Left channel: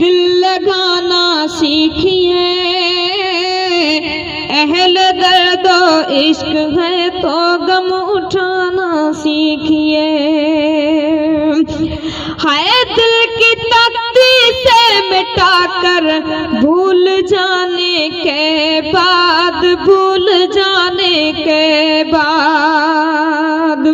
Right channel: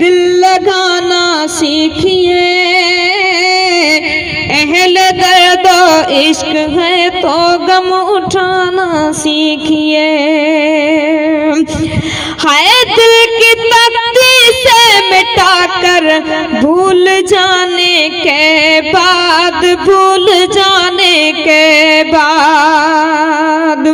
دل لگانا سیکھیے، اہل درد و عشق ہے تو غم اٹھانا سیکھیے، ہائے دل کی تختی سے مٹا کر بھول جانے کے بعد، بھول جانے کے بعد،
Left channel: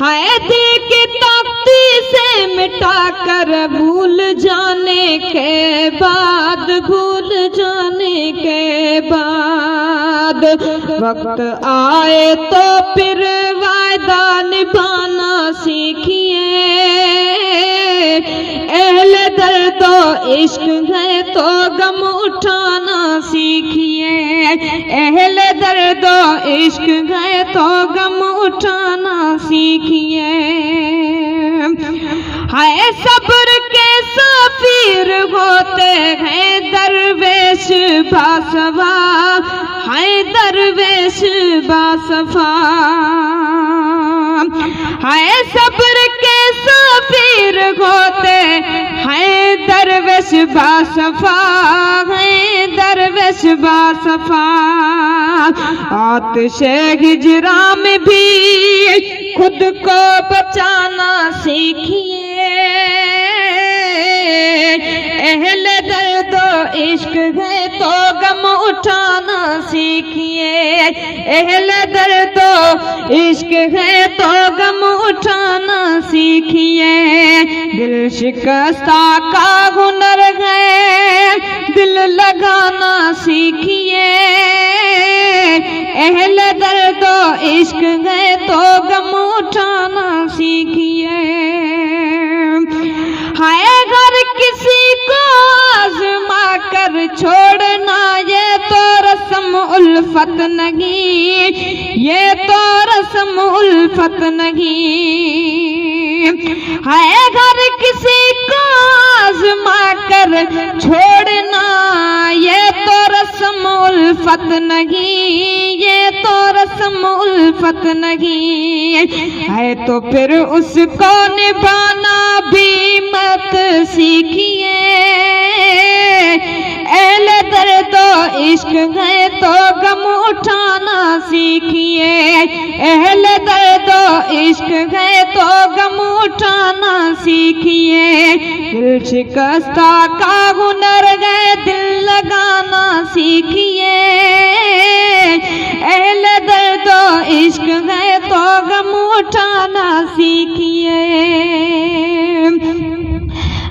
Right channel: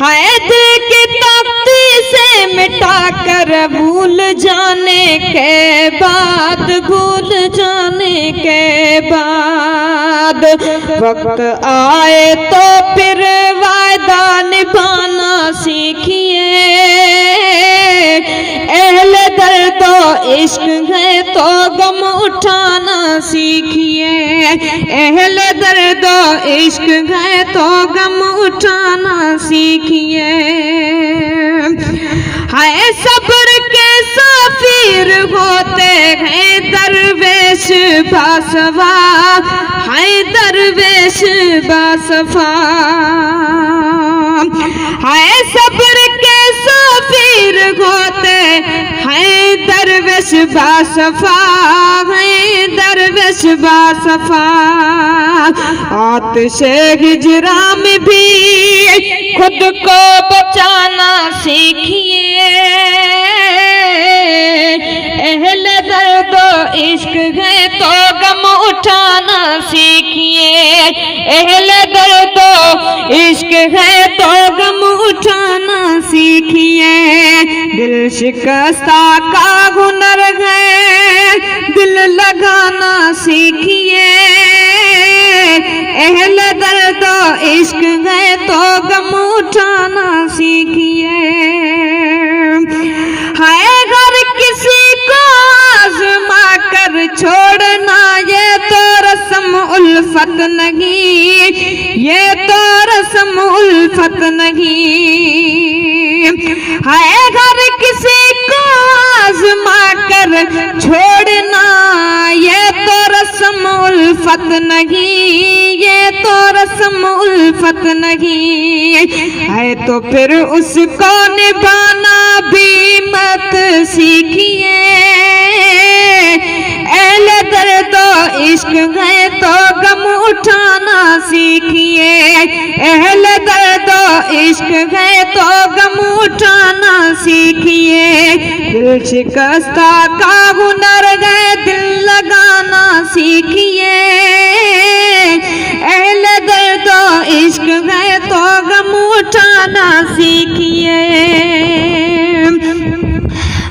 ہائے دل کی تختی سے مٹا کر بھول جانے کے بعد، بھول جانے کے بعد، وقت آئے تو پھر وعدہ نبھانا سیکھیے، اہل درد و عشق ہے تو غم اٹھانا سیکھیے، اہل درد و عشق ہے تو غم اٹھانا سیکھیے، ہائے صبر کے سفیر ہوتے ہیں درویش باسوار، ہائے درویش باسوار، ہائے صبر کے سفیر ہوتے ہیں درویش باسوار، ہیں درویش باسوار، آتش ہجراں میں بھی خود کو بچانا سیکھیے، اہل درد و عشق ہے تو غم اٹھانا سیکھیے، اہل درد و عشق ہے تو غم اٹھانا سیکھیے، دل شکستہ کا ہنر ہے دل لگانا سیکھیے، اہل درد و عشق ہے تو غم اٹھانا سیکھیے، ہائے ہر کسی کو آزما کر چھوڑنا یہ تو رسم الفت نہیں، یہ تو رسم الفت نہیں، ہائے ہر کسی کو آزما کر چھوڑنا یہ تو رسم الفت نہیں، یہ تو رسم الفت نہیں، ہے تو پھر اس کو نبھانا بھی مت سیکھیے، اہل درد و عشق ہے تو غم اٹھانا سیکھیے، اہل درد و عشق ہے تو غم اٹھانا سیکھیے، دل شکستہ کا ہنر ہے دل لگانا سیکھیے، اہل درد و عشق ہے تو غم اٹھانا سیکھیے،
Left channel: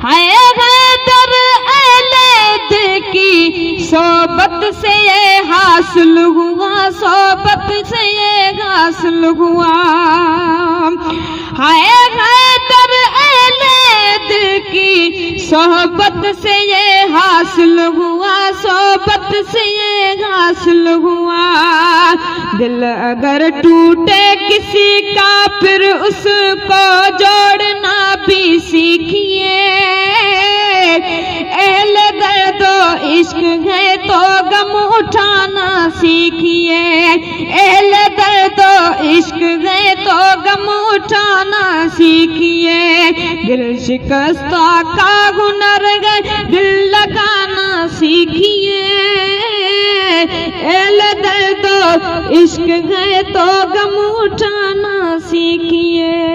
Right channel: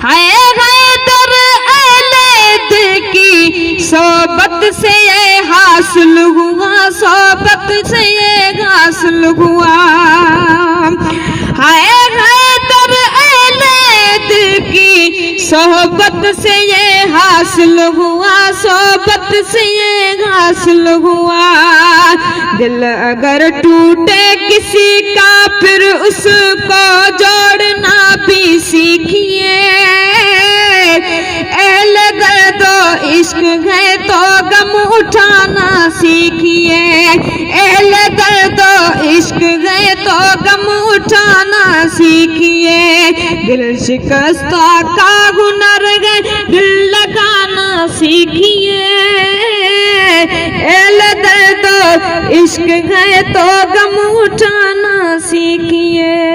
حیدر اہل دل کی صحبت سے یہ حاصل ہوا، صحبت سے یہ حاصل ہوا، حیدر اہل دل کی صحبت سے یہ حاصل ہوا، صحبت سے یہ حاصل ہوا، دل اگر ٹوٹے کسی کا پھر اس کو جوڑنا بھی سیکھیے، اہل درد و عشق ہے تو غم اٹھانا سیکھیے، اہل درد و عشق ہے تو غم اٹھانا سیکھیے، دل شکستہ کا ہنر ہے دل لگانا سیکھیے، اہل درد و عشق ہے تو غم اٹھانا سیکھیے۔